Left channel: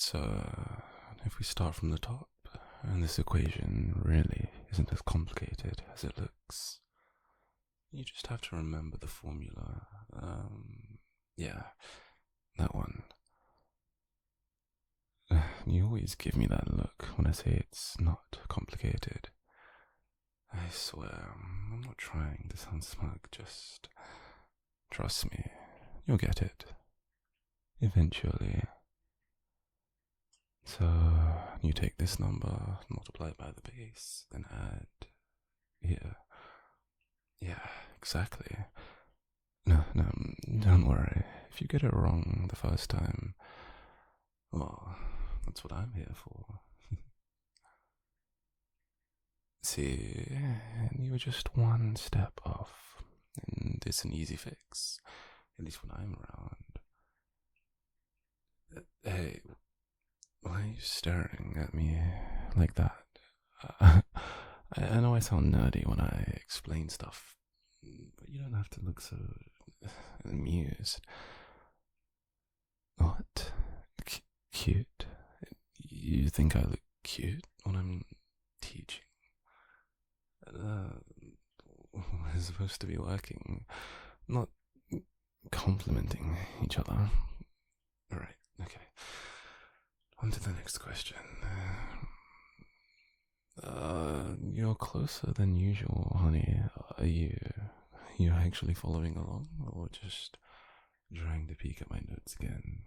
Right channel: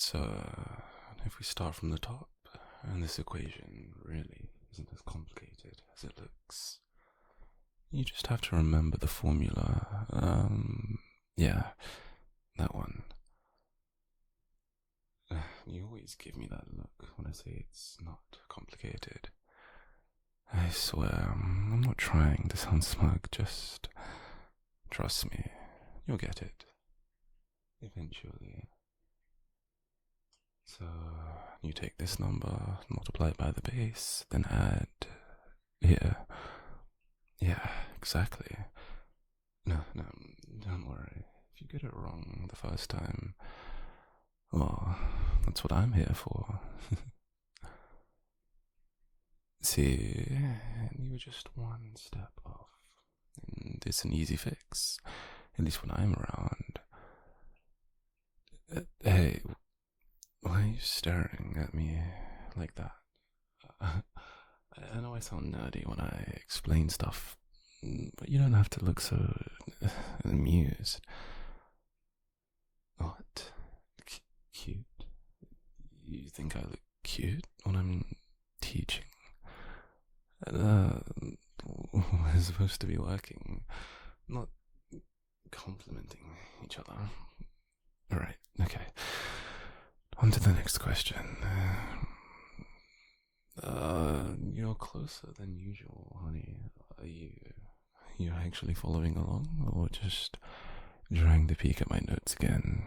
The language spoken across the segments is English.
So, if we start from the top, and this equation really isn't as complicated as it looks, you just have to remember the formula. Yeah, that one. You always give me that look when I say it's not complicated. I swear, I'm not trying to sound smug, just trust me, you'll get it. Eventually. So, you take this number, multiply it by the base, then add here. Yeah, exactly. No, don't worry. If you get it wrong the first time, well, that's what I'm here for. See, you were just one step off, and it's an easy fix, at least when I'm around. Hey, why are you staring at me like that? I know I sound nerdy when I explain stuff, but you don't have to look so amused. What? Cute? You think I look cute when I'm teaching? We're supposed to be working, not complimenting each other. Alright, okay. On to the next question. You're closer than usual, honey. Are you actually following along, or just trying to peek at my notes again?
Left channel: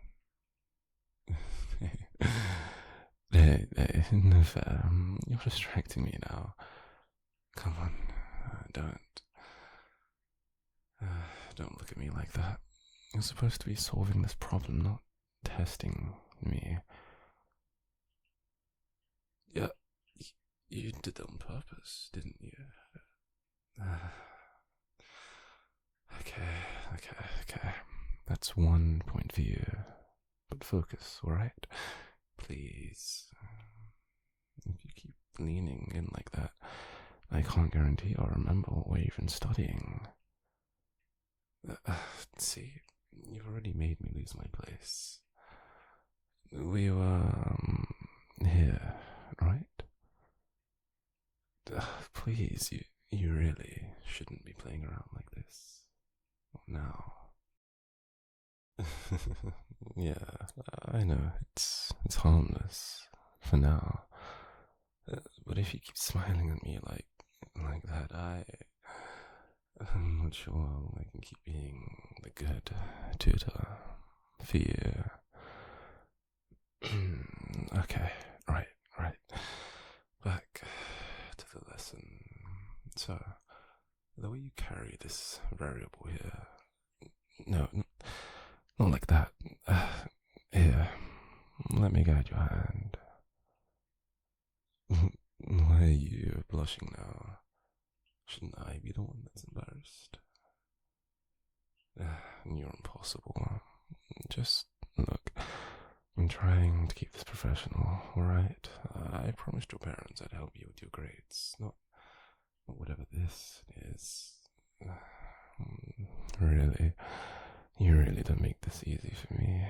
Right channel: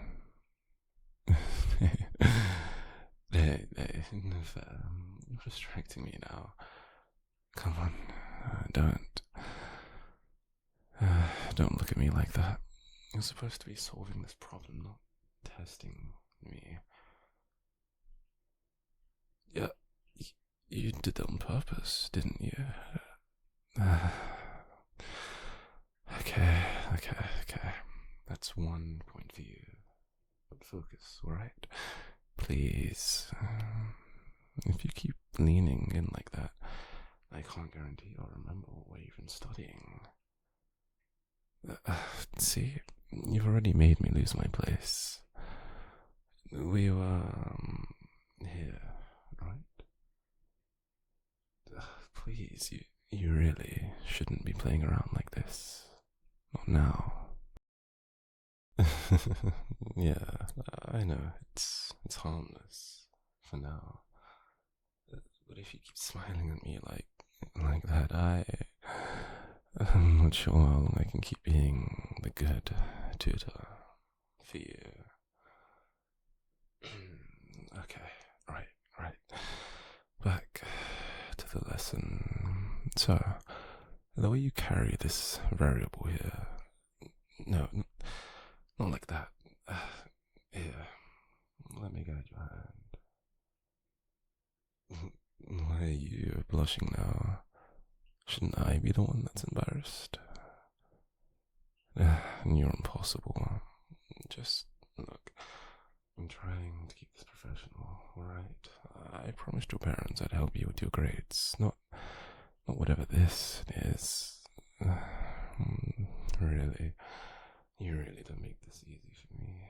Hey, no fair. You're distracting me now. Come on, don't look at me like that. You're supposed to be solving this problem, not testing me. Yeah, you did that on purpose, didn't you? Okay. That's 1 point for you. But focus, alright? Please. If you keep leaning in like that, I can't guarantee I'll remember what we're even studying. See, you've already made me lose my place. We were, here, right? Please, you really shouldn't be playing around like this. Not now. Yeah, I know, it's harmless, for now. But if you keep smiling at me like that, I'm not sure how long I can keep being the good tutor for you. Okay, right. Back to the lesson. So, the way you carry this variable here. No, not like that. Here, let me guide your hand. Why are you blushing now? Shouldn't I be the one that's embarrassed? You're impossible. Just look. I'm trying to keep this professional, alright? I promised your parents I'd help you with your grades, not whatever this is. Really, you really don't make this easy for me.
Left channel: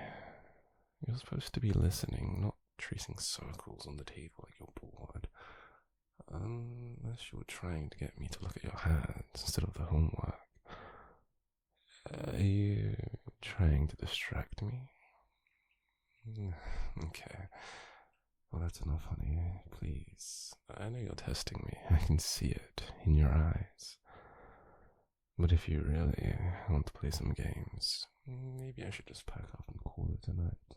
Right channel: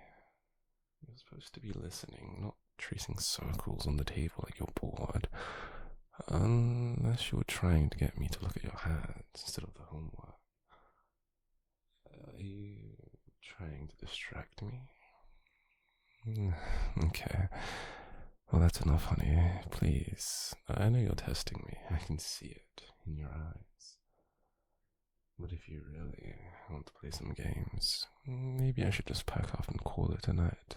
You're supposed to be listening, not tracing circles on the table like you're bored. Unless you were trying to get me to look at your hands instead of the homework. Are you trying to distract me? Okay. Well, that's enough, honey. Please. I know you're testing me. I can see it in your eyes. But if you really want to play some games, maybe I should just pack up and call it a night.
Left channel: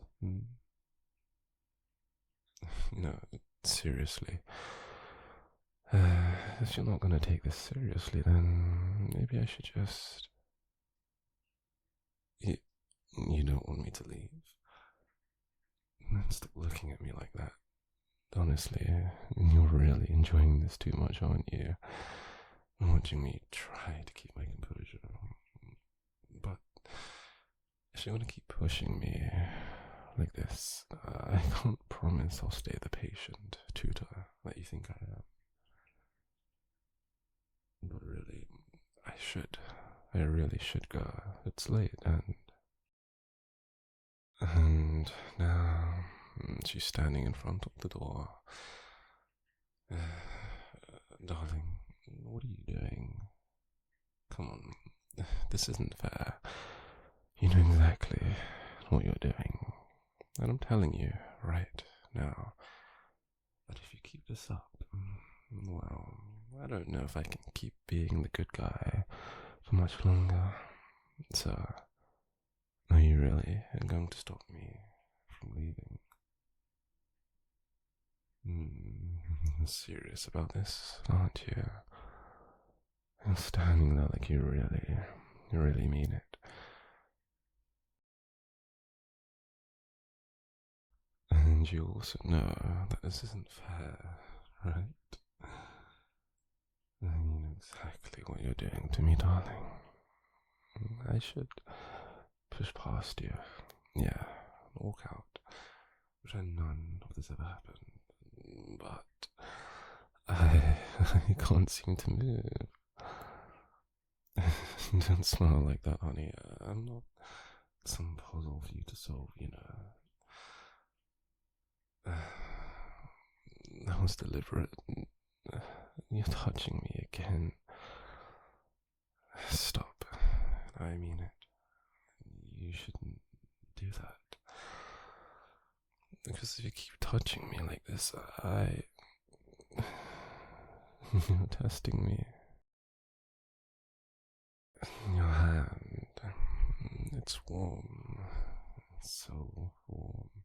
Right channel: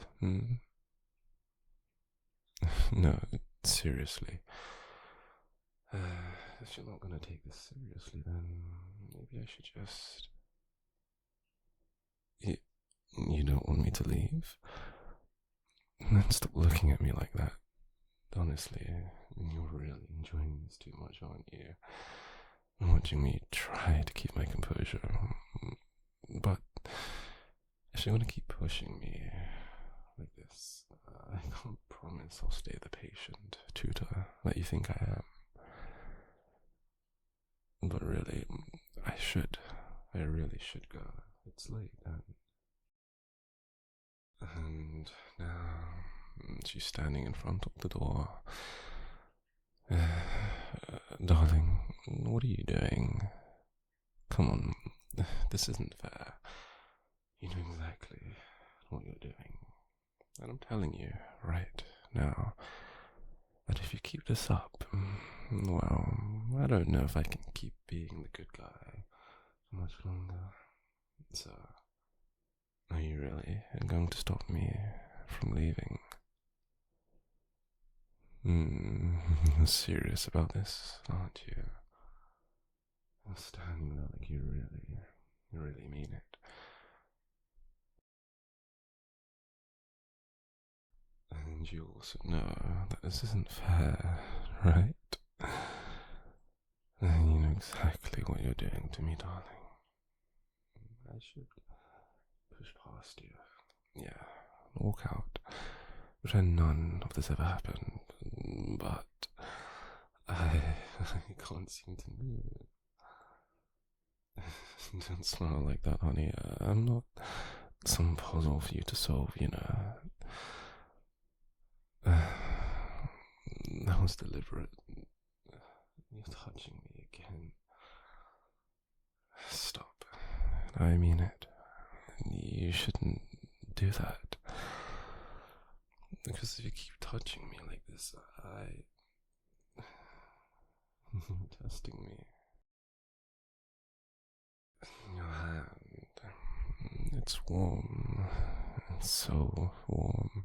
No, seriously. If you're not gonna take this seriously, then maybe I should just... You don't want me to leave? Then stop looking at me like that. Honestly, you're really enjoying this too much, aren't you? Watching me try to keep my composure. But if you're gonna keep pushing me like this, I can't promise I'll stay the patient tutor that you think I am. But really, I really should go. It's late, and now She's standing in front of the door. Darling, what are you doing? Come on, this isn't fair. You know exactly what you're doing. And I'm telling you right now that if you keep this up, well, I don't know if I can keep being the good guy for much longer. So, are you really going to stop me from leaving? You're serious about this, aren't you? You're standing there like you really mean it. And you also know that this isn't fair, right? And you know exactly what you're doing to me, darling. I should push past you. Yeah, walk out. Pretend none of this ever happened. But I can't seem to move. Don't smile like that, honey. I'm not some puzzle for you to solve, you know. That was deliberate. You're touching me again. Stop. I mean it. You shouldn't do that. Because if you keep touching me like this, you're testing me. Your hand. It's warm. It's so warm.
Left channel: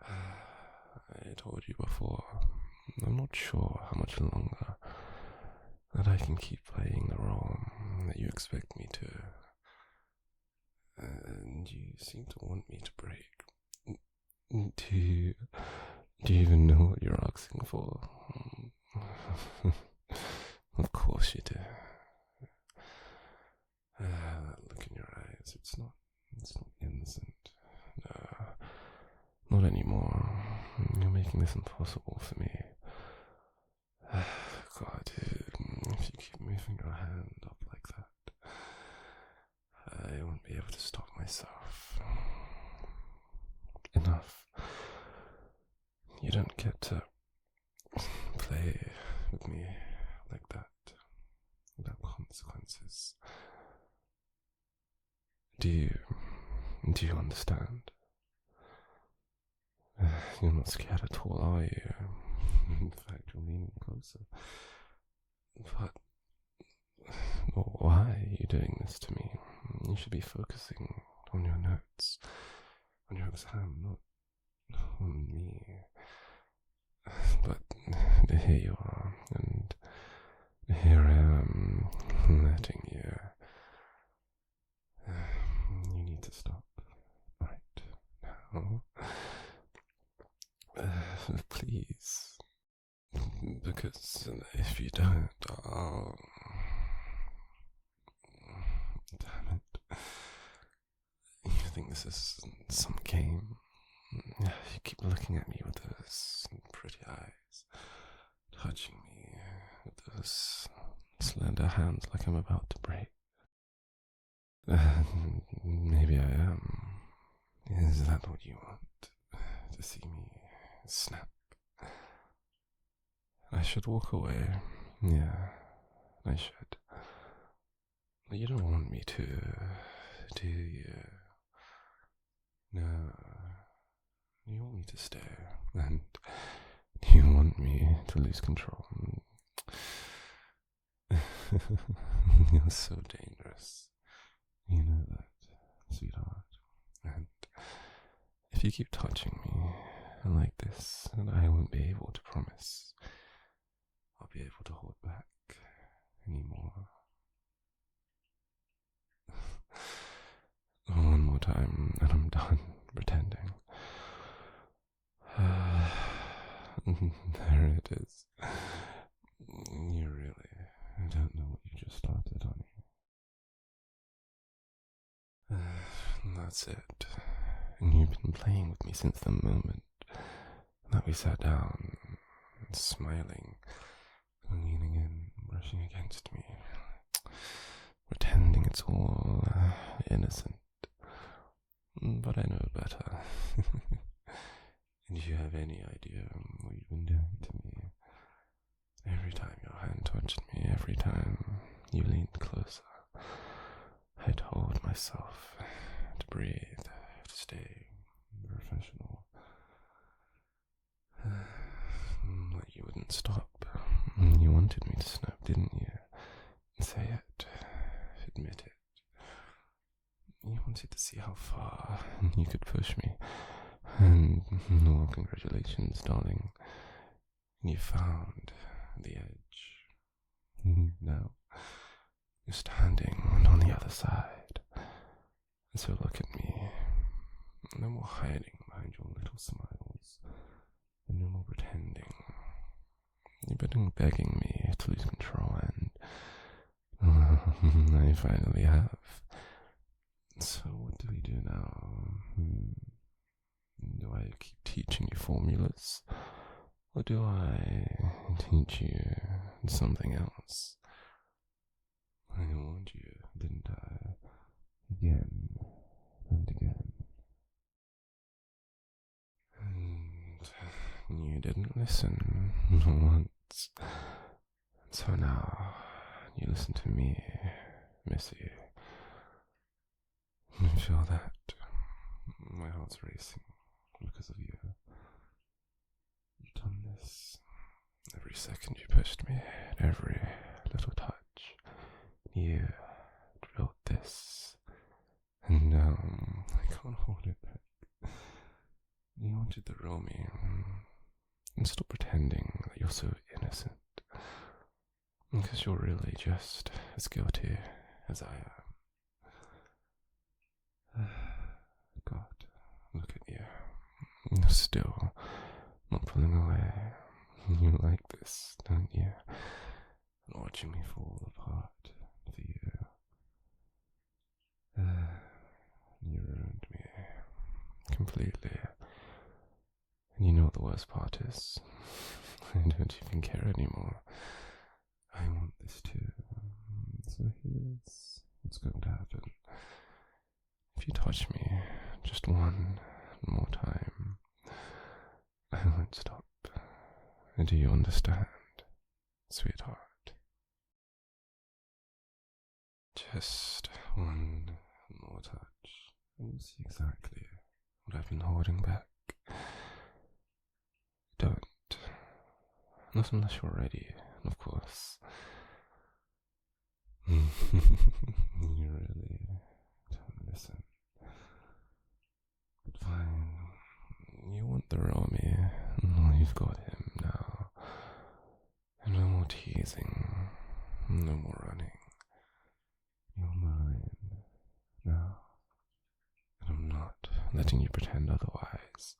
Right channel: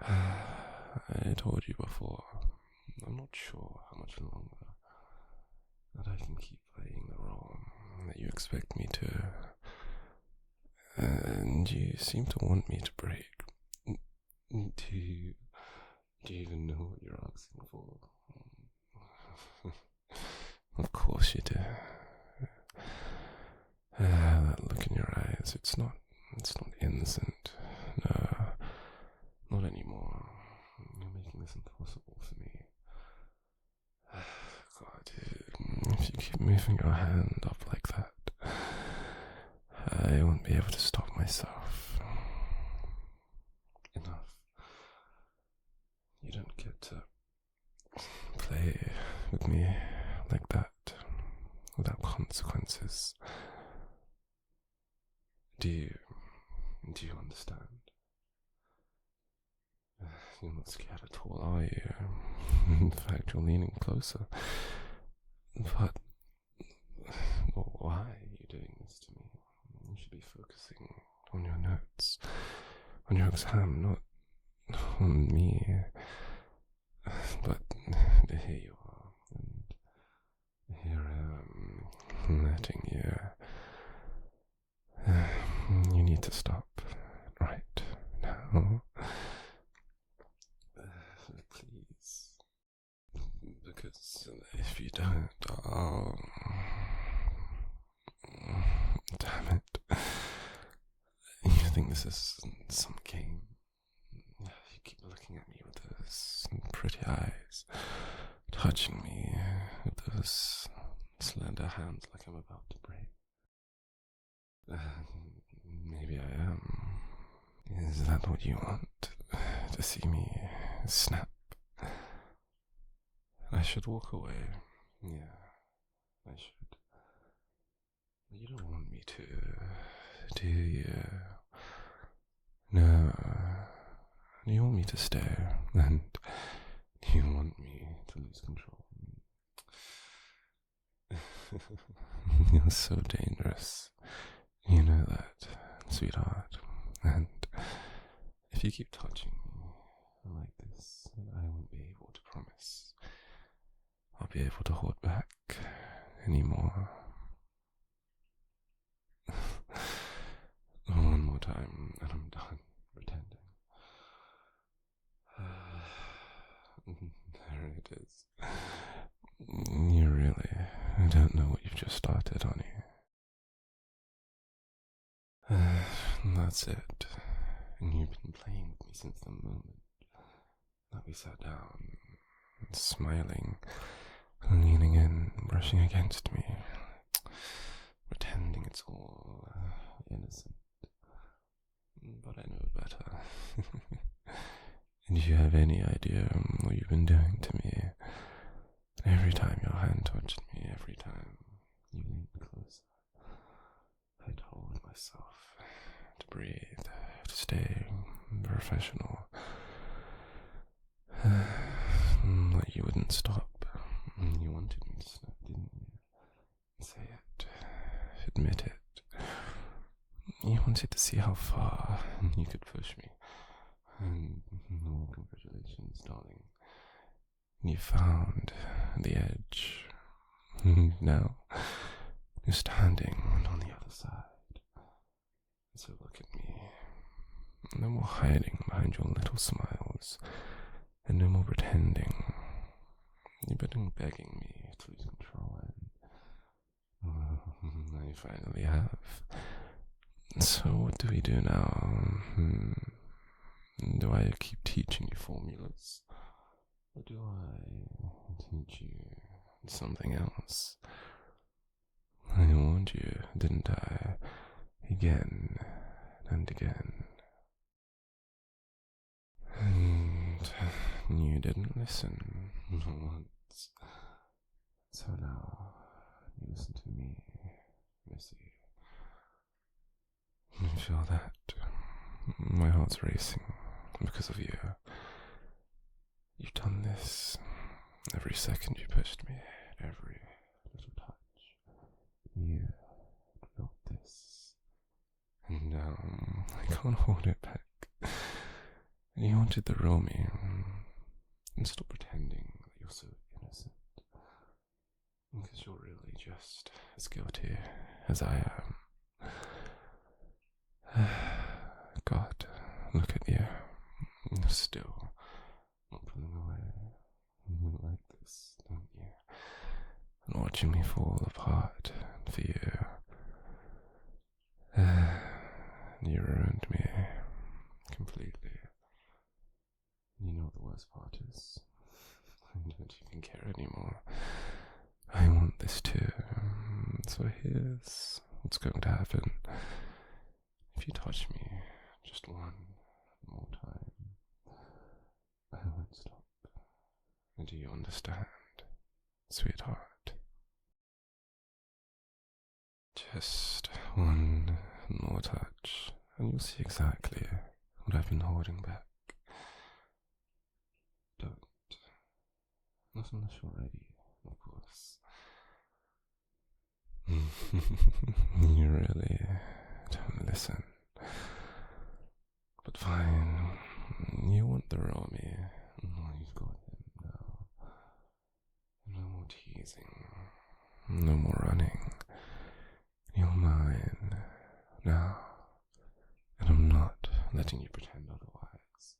I told you before, I'm not sure how much longer that I can keep playing the role that you expect me to. And you seem to want me to break. Do you even know what you're asking for? Of course you do. That look in your eyes, it's not innocent. No, not anymore. You're making this impossible for me. God, if you keep moving your hand up like that, I won't be able to stop myself. Enough. You don't get to play with me like that without consequences. Do you understand? You're not scared at all, are you? In fact, you're leaning closer. But why are you doing this to me? You should be focusing on your notes, on your exam, not on me. But here you are, and here I am, letting you. You need to stop right now. Please. Because if you don't, I'll... Damn it. You think this is some game? You keep looking at me with those pretty eyes, touching me with those slender hands like I'm about to break. Maybe I am. Is that what you want? To see me snap? I should walk away. Yeah, I should. But you don't want me to, do you? No. You want me to stay, and you want me to lose control. You're so dangerous. You know that, sweetheart. And if you keep touching me like this, I won't be able to promise I'll be able to hold back anymore. One more time, and I'm done pretending. There it is. You really don't know what you've just started, honey. That's it. And you've been playing with me since the moment that we sat down, smiling, leaning in, brushing against me, pretending it's all innocent. But I know better. Do you have any idea what you've been doing to me? Every time your hand touched me, every time you leaned closer, I told myself to breathe, to stay professional. Like you wouldn't stop. You wanted me to snap, didn't you? Say it. Admit it. You wanted to see how far you could push me. And, well, congratulations, darling. You found the edge. Now, you're standing on the other side. So look at me. No more hiding behind your little smiles. And no more pretending. You've been begging me to lose control, and I finally have. So what do we do now? Do I keep teaching you formulas? Or do I teach you something else? I warned you, didn't I? Again and again. And you didn't listen once. So now you listen to me, Missy. You feel that? My heart's racing because of you. You've done this. Every second you pushed me, every little touch. You drilled this. And now I can't hold it back. You wanted the real me. And stop pretending that you're so innocent. Because you're really just as guilty as I am. God, look at you. You're still not pulling away. You like this, don't you? And watching me fall apart for you. You ruined me completely. And you know what the worst part is? I don't even care anymore. I want this too. So here's what's going to happen. If you touch me just one more time, I won't stop. Do you understand, sweetheart? Just one more touch, and you'll see exactly what I've been holding back. Don't. Not unless you're ready, of course. You really don't listen. But fine. You want the real me. Well, you've got him now. And no more teasing. No more running. You're mine now. And I'm not letting you pretend otherwise.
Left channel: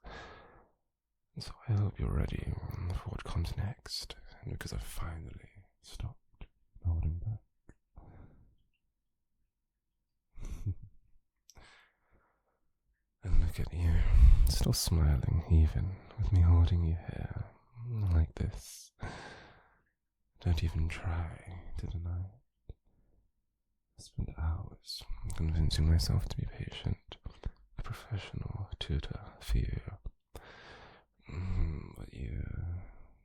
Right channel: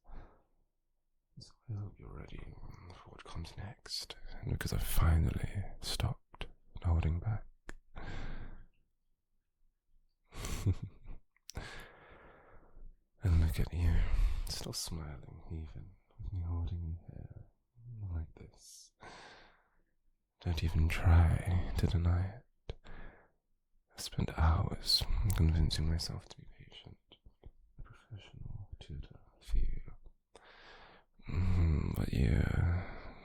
So I hope you're ready for what comes next, because I've finally stopped holding back. And look at you, still smiling even with me holding you here, like this. Don't even try to deny it. I spent hours convincing myself to be patient, a professional tutor for you. But you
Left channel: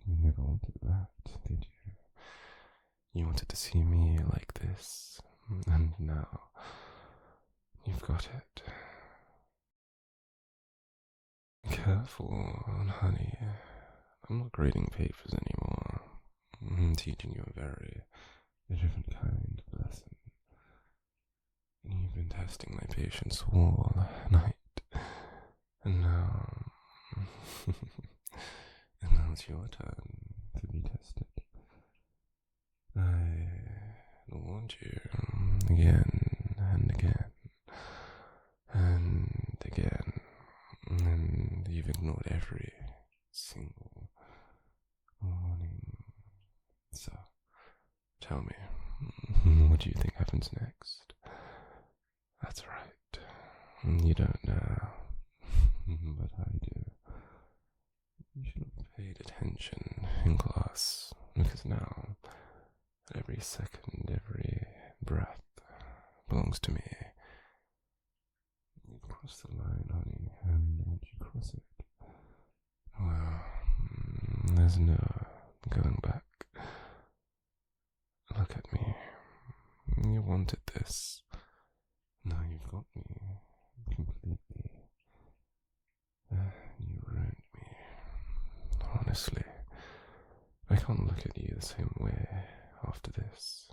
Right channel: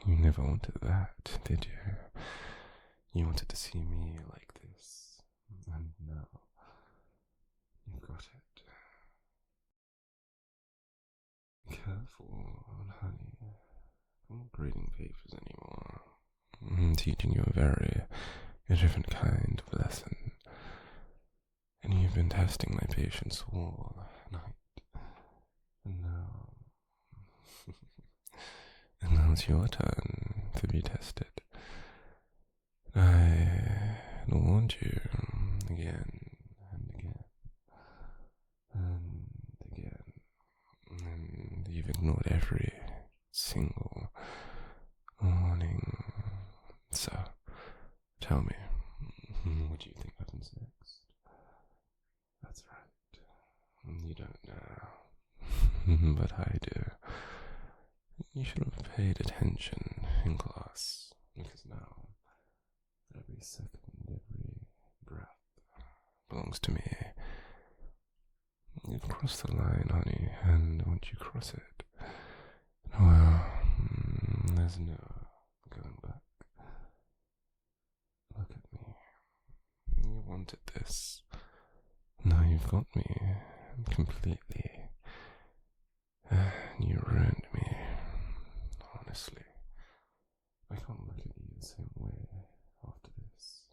never wanted that, did you? You wanted to see me like this, and now you've got it. Careful, honey. I'm not grading papers anymore. I'm teaching you a very different kind of lesson. And you've been testing my patience all night. And now... and now it's your turn to be tested. I warned you again and again and again, and you've ignored every single warning. So, tell me, what do you think happens next? That's right, you don't know, but I do. You should have paid attention in class, because now every second, every breath belongs to me. You've crossed the line, honey, and once you cross it, There's no going back. Look at me. You wanted this. Now you've got me completely. You ruined me. Honestly, I can't look at you the same way after this.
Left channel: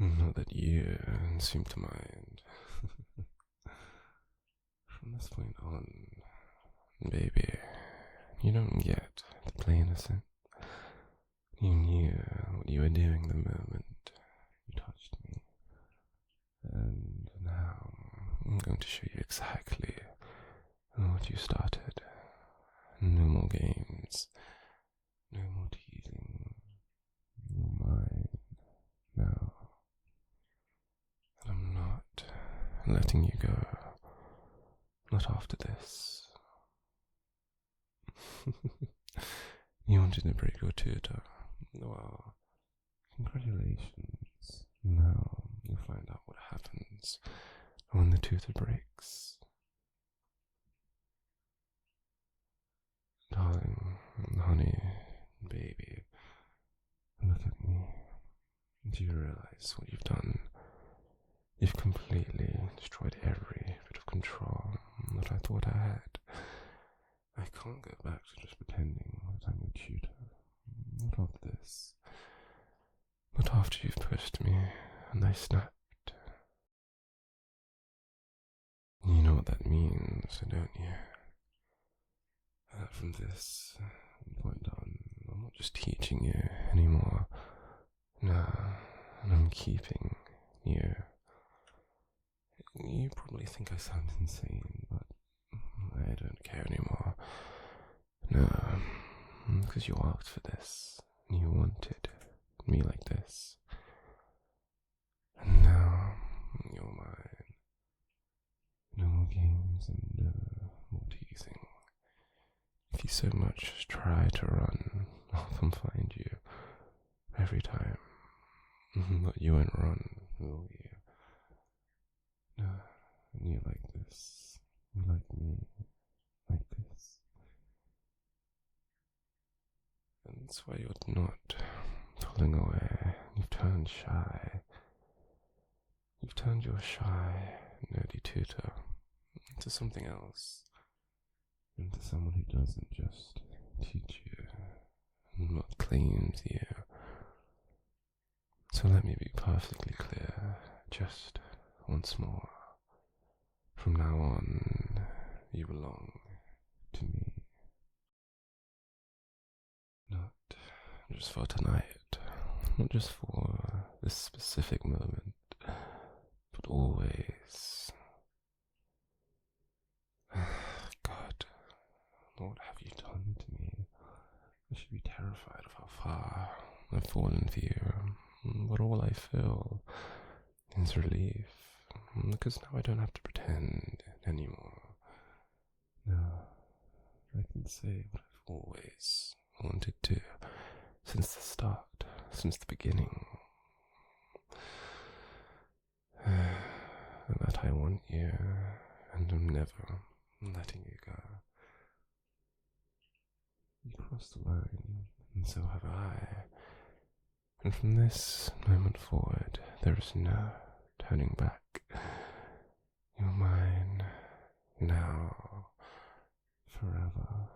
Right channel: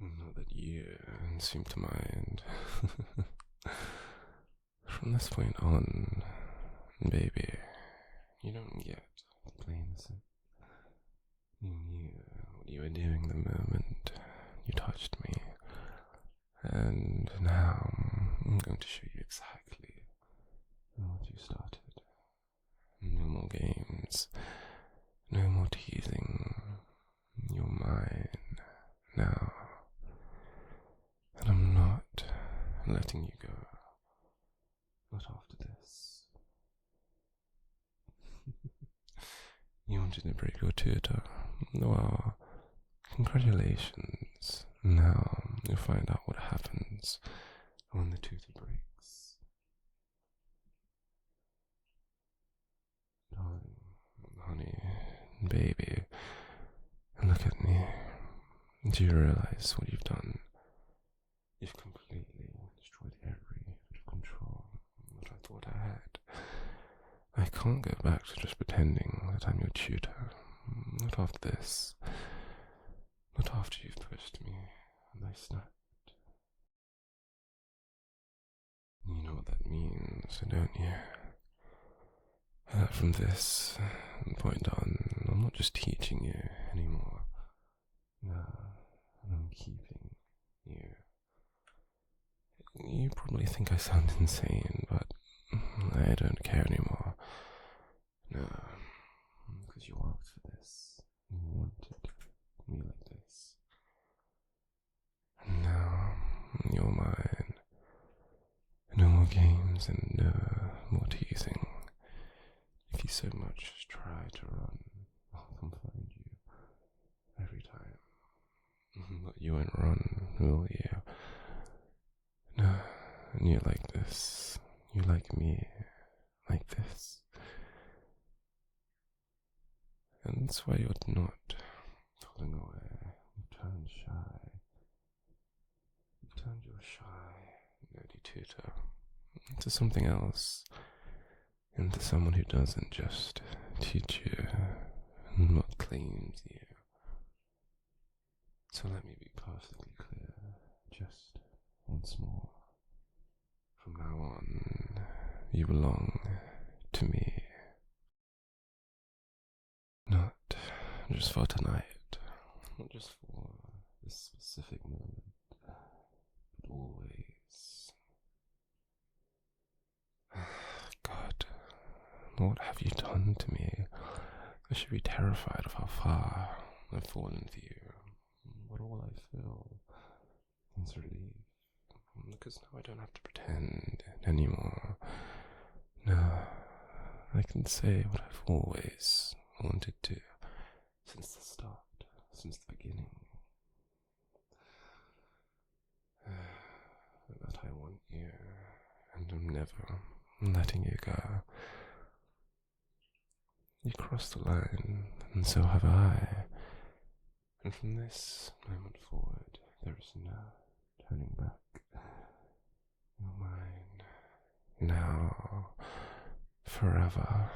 Not that you seem to mind. From this point on, baby, you don't get to play innocent. You knew what you were doing the moment you touched me. And now I'm going to show you exactly what you started. No more games. No more teasing. You're mine now. And I'm not letting you go. Not after this. You wanted to break your tutor. Well, congratulations. Now you'll find out what happens when the tutor breaks. Darling, honey, baby, look at me. Do you realize what you've done? You've completely destroyed every bit of control that I thought I had. I can't go back to just pretending that I'm your tutor. Not after this. Not after you've pushed me and I snapped. You know what that means, don't you? From this point on, I'm not just teaching you anymore. No, I'm keeping you. You probably think I sound insane, but I don't care anymore. No, because you asked for this. You wanted me like this. And now, you're mine. No more games and no more teasing. If you so much as try to run, I'll come find you. Every time. But you won't run, will you? No, and you like this. You like me. Like this. And that's why you're not pulling away. You've turned shy. You've turned your shy, nerdy tutor into something else. Into someone who doesn't just teach you, but claims you. So let me be perfectly clear, just once more. From now on, you belong to me. Not just for tonight, not just for this specific moment, but always. God, what have you done to me? I should be terrified of how far I've fallen for you, but all I feel is relief, because now I don't have to pretend anymore. No, I can say what I've always wanted to, since the start, since the beginning. That I want you, and I'm never letting you go. You crossed the line, and so have I. And from this moment forward, there is no turning back. You're mine, now, forever.